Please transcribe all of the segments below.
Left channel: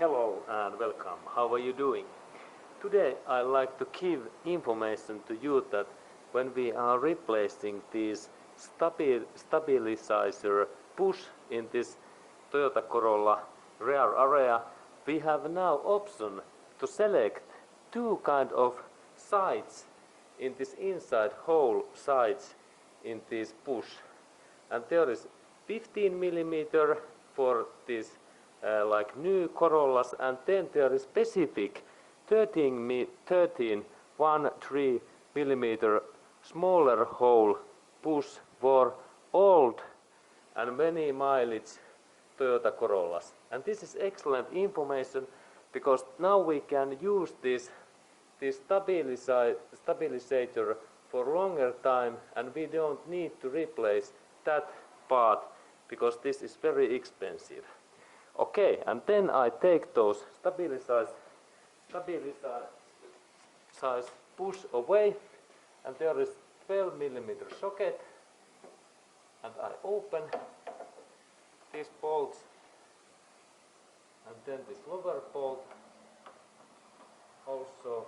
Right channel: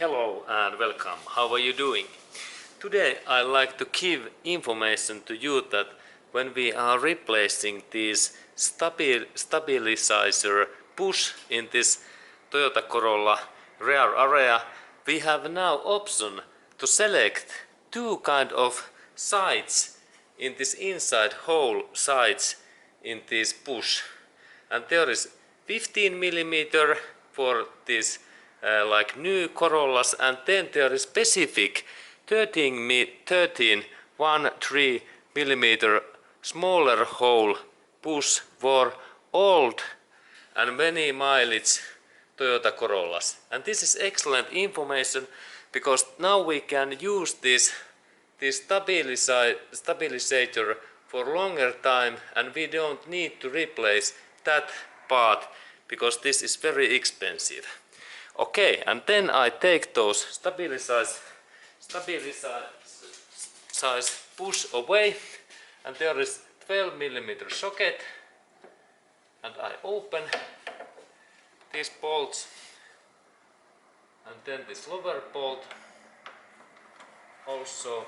Hello and welcome. How are you doing? Today I like to give information to you that when we are replacing this stabilizer push in this Toyota Corolla rear area, we have now option to select two kind of sides in this inside hole sides in this push. And there is 15 millimeter for this like new Corollas, and then there is specific 13 millimeter smaller hole push for old and many mileage Toyota Corollas. And this is excellent information because now we can use this stabilizer for longer time, and we don't need to replace that part because this is very expensive. Okay, and then I take those stabilized push away, and there is 12 millimeter socket, and I open these bolts, and then this lower bolt also.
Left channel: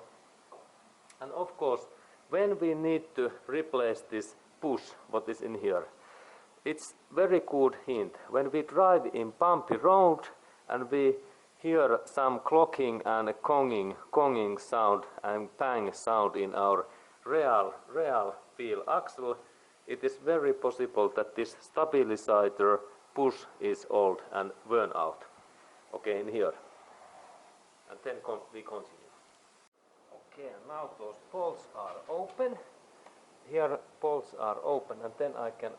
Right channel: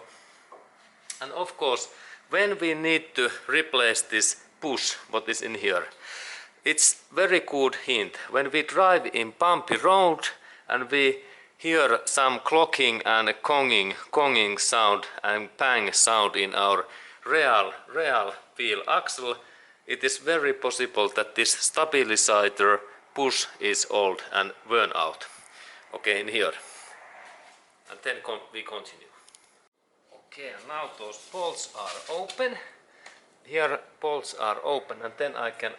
And of course, when we need to replace this push, what is in here, it's very good hint. When we drive in bumpy road and we hear some clocking and conging sound and bang sound in our real wheel axle, it is very possible that this stabilizer push is old and worn out. Okay, in here. And then we continue. Okay, and now those bolts are open. Here bolts are open, and then I can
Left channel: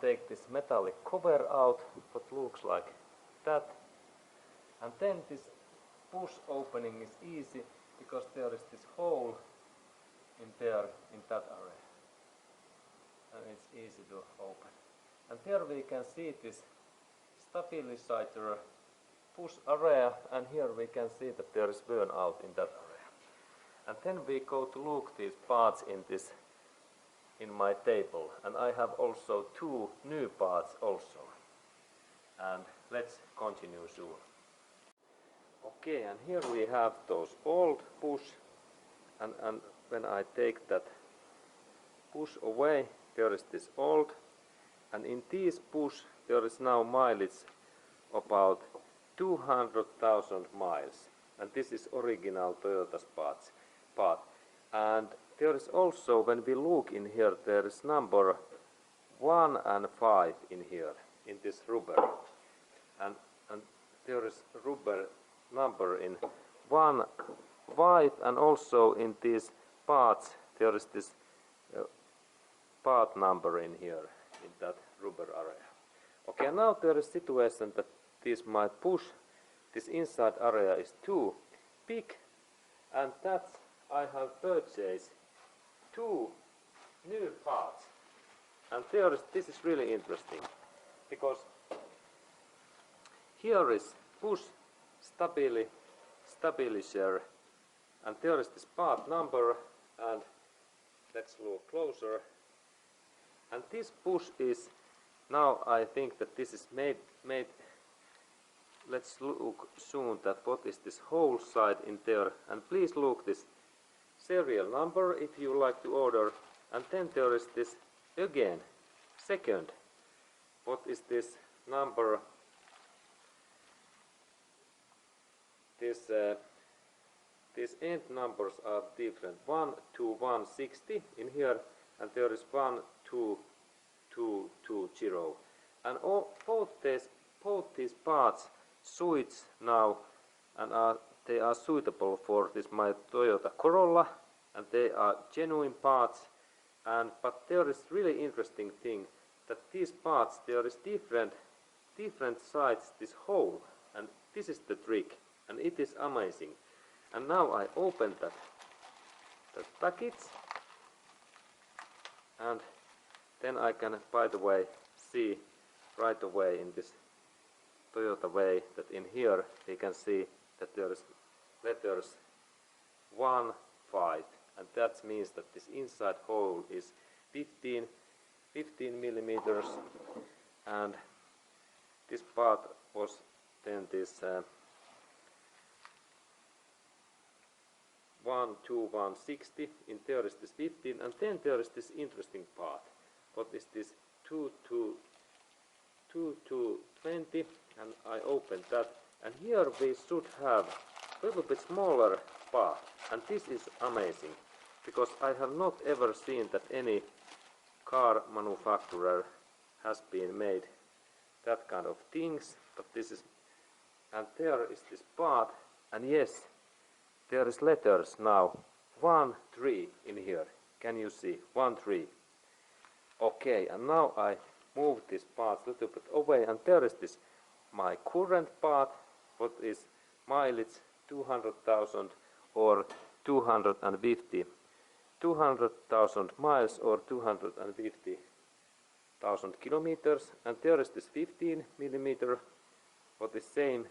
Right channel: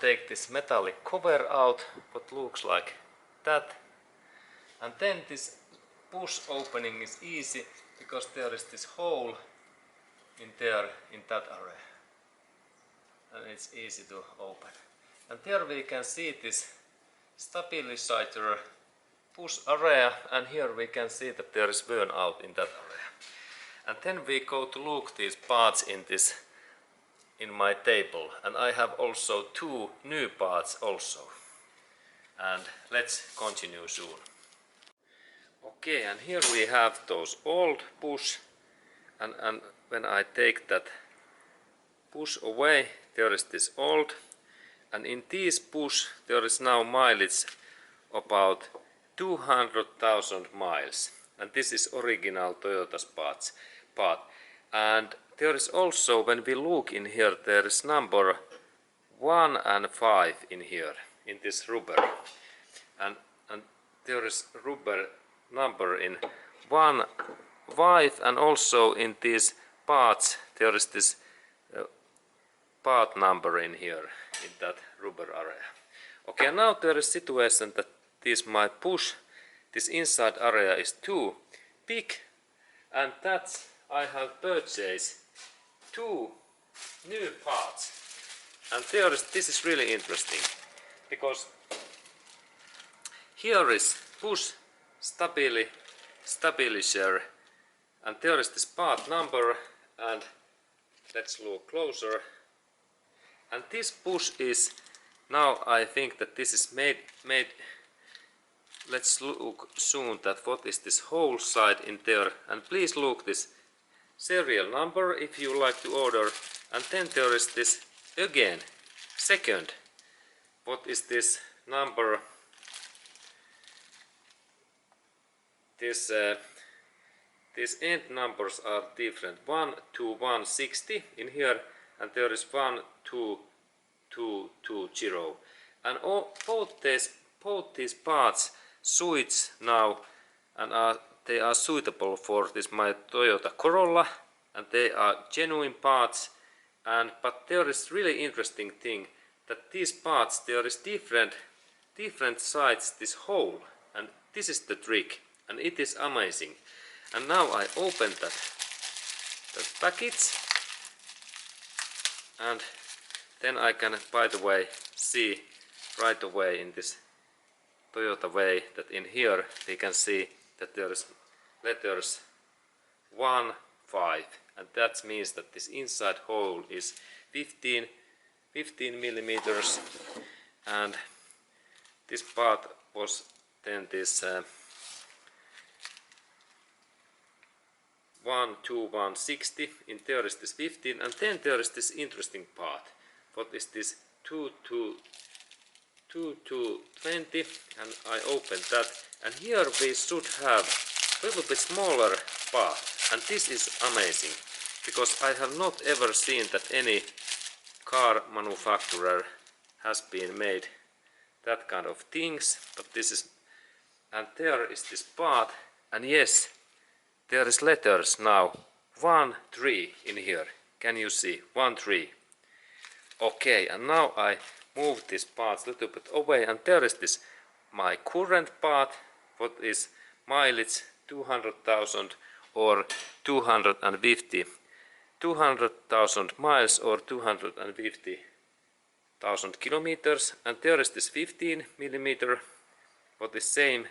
take this metallic cover out, what looks like that. And then this push opening is easy because there is this hole in there, in that area. And it's easy to open. And there we can see this stabilizer push area, and here we can see that there is worn out in that area. And then we go to look these parts in my table, and I have also two new parts also. And let's continue soon. Okay, and here we have those old push, and when I take that push away, there is this old, and in this push there is now mileage about 200,000 miles, and this is original Toyota's part. And there is also, when we look in here, there is number 1 and 5 in here, in this rubber, and there is rubber number in 1, 5, and also in these parts there is this part number in here, in that rubber area. Okay, now there is situation that this my push, this inside area is too big, and that's I have purchased two new parts. And this is really interesting because here is push stabilizer, and there is this part number, and let's look closer. And this push is now, I think that this is made. Let's look soon that what is this whole side in there, and please look this serial number if you like to order. And then there is this again second, what is this number, these end numbers are different, 1 to 160 in here, and there is 1 to 220, and both these parts switch now, and they are suitable for this my Toyota Corolla, and they are genuine parts. But there is really interesting thing that these parts, there is different sides this hole, and this is the trick, and it is amazing. And now I open that package, and then I can, by the way, see right away in this Toyota way that in here we can see that there is letters 1, 5, and that means that this inside hole is 15 millimeters, and this part was then this 12160, in there is this 15, and then there is this interesting part. What is this 2220, and I open that, and here we should have a little bit smaller part, and this is amazing, because I have not ever seen that any car manufacturer has been made that kind of things, but this is, and there is this part, and yes, there is letters now 1 3 in here. Can you see 1 3? Okay, and now I move this part a little bit away, and there is this my current part, what is mileage 200,000 or 250, 200,000 miles or 250,000 kilometers, and there is this 15 millimeter, what is same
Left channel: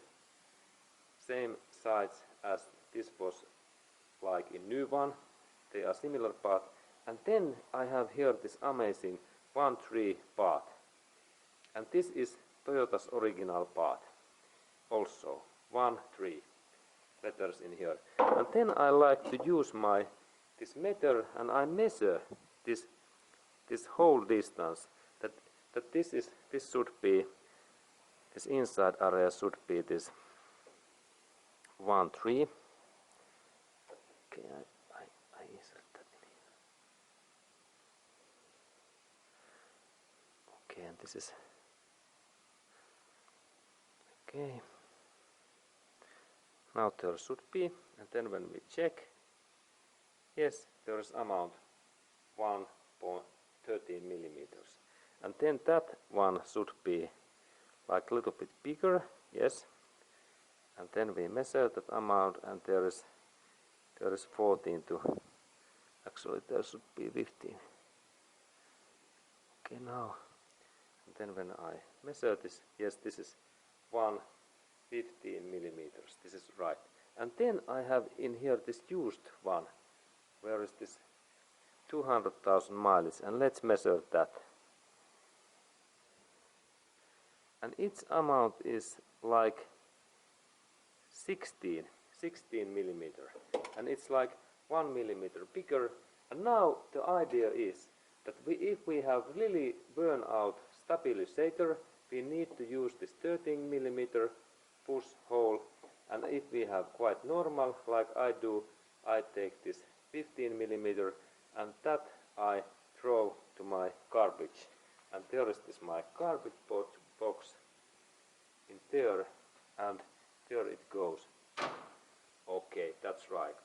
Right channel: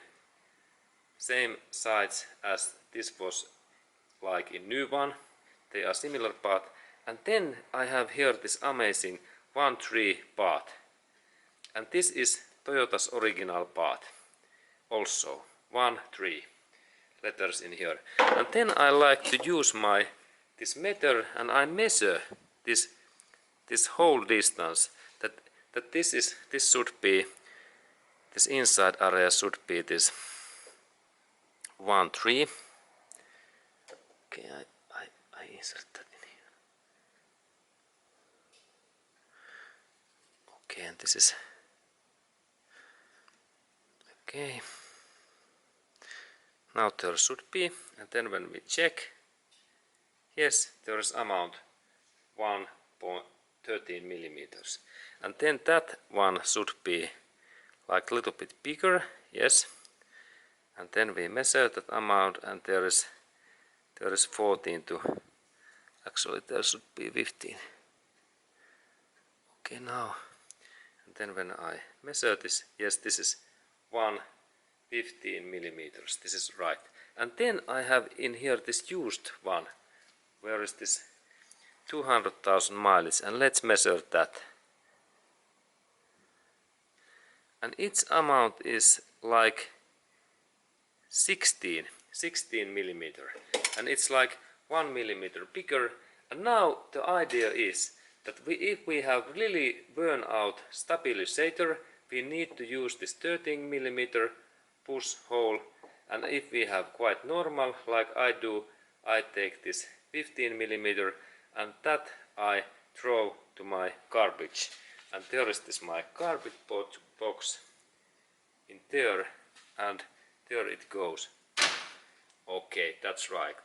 size as this was like in new one. They are similar part, and then I have here this amazing 1 3 part, and this is Toyota's original part also 1 3 letters in here. And then I like to use my this meter, and I measure this whole distance, that this should be, this inside area should be this 1 3. Okay, I insert that in here. Okay, and this is okay. Now there should be, and then when we check, yes, there is amount 1.13 millimeters, and then that one should be like a little bit bigger, yes, and then we measure that amount, and there is 14 to, actually there should be 15. Okay, now, and then when I measure this, yes, this is 115 millimeters, this is right. And then I have in here this used one, where is this 200,000 miles, and let's measure that. And its amount is like 16 millimeter, and it's like 1 millimeter bigger. And now the idea is that if we have really burn out stabilizer, we need to use this 13 millimeter push hole, and if we have quite normal like I do, I take this 15 millimeter, and that I throw to my garbage, and there is this my garbage box in there, and there it goes. Okay, that's right.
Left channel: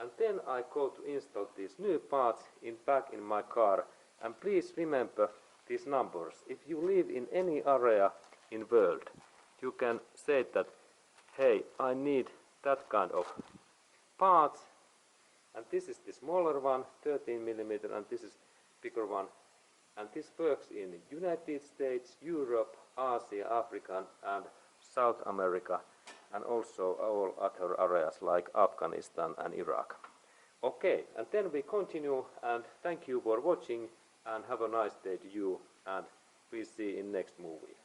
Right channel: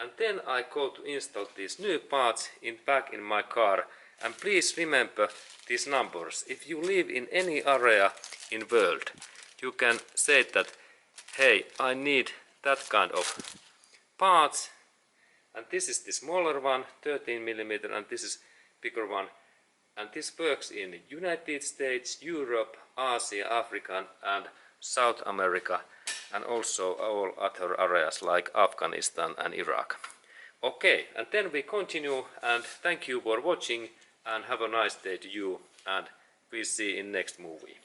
And then I go to install these new parts back in my car, and please remember these numbers. If you live in any area in world, you can say that, hey, I need that kind of parts, and this is the smaller one, 13 millimeter, and this is bigger one, and this works in United States, Europe, Asia, Africa, and South America, and also all other areas like Afghanistan and Iraq. Okay, and then we continue, and thank you for watching, and have a nice day to you, and we see in next movie.